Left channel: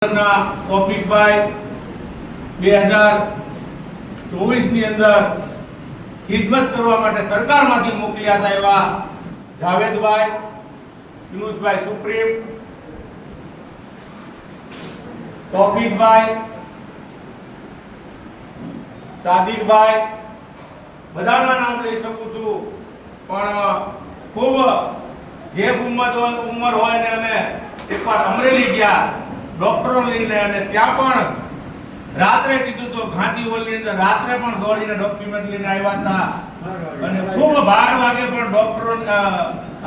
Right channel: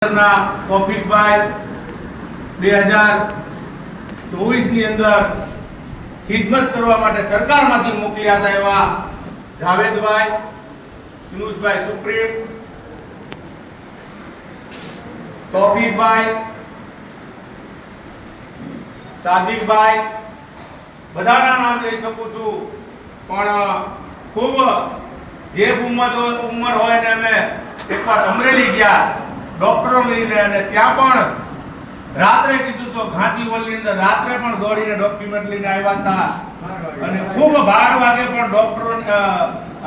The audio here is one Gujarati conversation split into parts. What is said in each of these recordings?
તોફિકભાઈ 2024 ની અંદર ખિદમત કરવા માટે સરકારમાંથી મોકલ્યા હતા એવા જાવેદભાઈ, યુનુસભાઈ સુપ્રીમ, તોફિકભાઈ, સાદિકભાઈ, બધાના નામ લઈ શકું છું, પણ ખૂબ જે ઉંમર હોય ને અમે એકવાર અમરેલી ગયા ડોક્ટરો લઈને, અને ત્યાં પણ રાત્રે કીધું તો ઘાંચીવલની અંદર રાત્રે પણ દોડીને ડોક્યુમેન્ટ લઈને આવ્યા હતા, અને ખૂબ 12 વાગે પણ ડોક્ટરો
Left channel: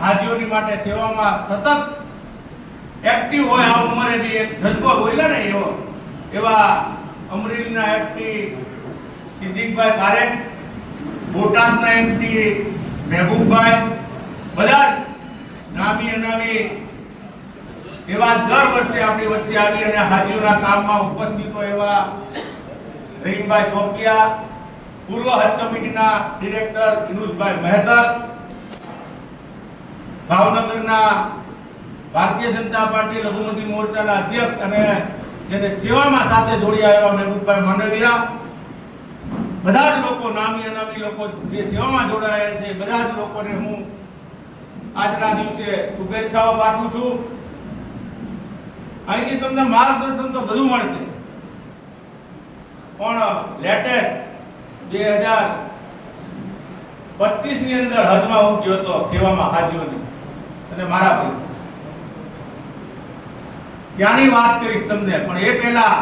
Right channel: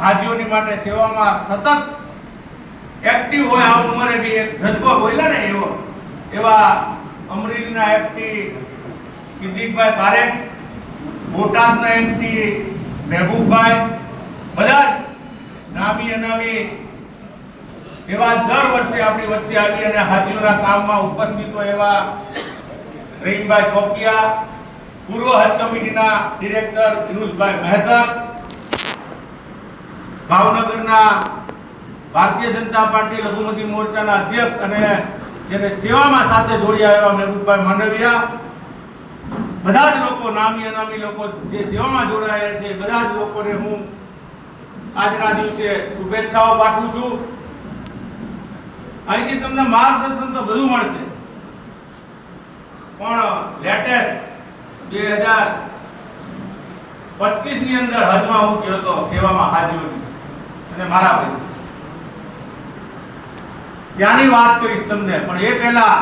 હાજીઓની માટે સેવામાં સતત એક્ટિવ હોય. આ ઉંમરે બી એક જજ્બો બોલ્યા ને એવા અમરેલીના એમપી સિદ્દીકભાઈ પારેખ, બોટાદના એમપી મહેબૂબભાઈ, બધા નામી અનામી જેવા દર વર્ષે આપણી વચ્ચે આવી અને હાજીઓના કામમાં ઉપસ્થિત હોય એવા રહીમભાઈ ચોકિયા, પૂર્વ હજ કમિટીના ડિરેક્ટર યુનુસભાઈ મહેતા, ભાવનગરના ભારતીય જનતા પાર્ટી લઘુમતી મોરચાના અધ્યક્ષ અને જેને સેવામાં સાથે જોડ્યા એવા મહેબૂબભાઈ માંડવિયા, બધા જ લોકો નામી અનામી લોકો જે સેવામાં જોડાયા છે, બધા જ લોકોને હું આજના દિવસે શુભેચ્છાઓ પાઠવું છું. અહીંથી તમને માર્ગદર્શન તો બધું મળશે, પણ લેટેસ્ટ 2025 ની અંદર હજમાં હું ગયો હતો સેવામાં હાજીઓની, અને મારા પૈસા ત્યાંની વાત કરીશ તમને. પણ એ પહેલા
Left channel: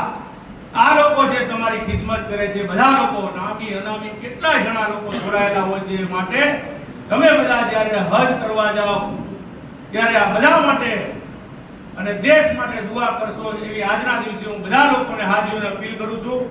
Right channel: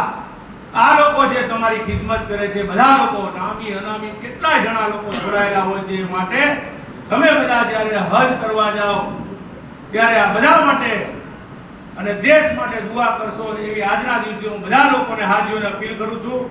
આ લોકો જે તમારી ખિદમત કરે છે, બધા લોકો નામી અનામી કેટલા જણા લોકો જોડાયેલા હોય છે, માટે તમે બધા જ્યારે હજ કરવા જાઓ ત્યારે આ બધા માટે અને દેશ માટે દુઆ કરશો એવી આજના દિવસે હું બધા લોકોને હાજીઓને અપીલ કરું છું.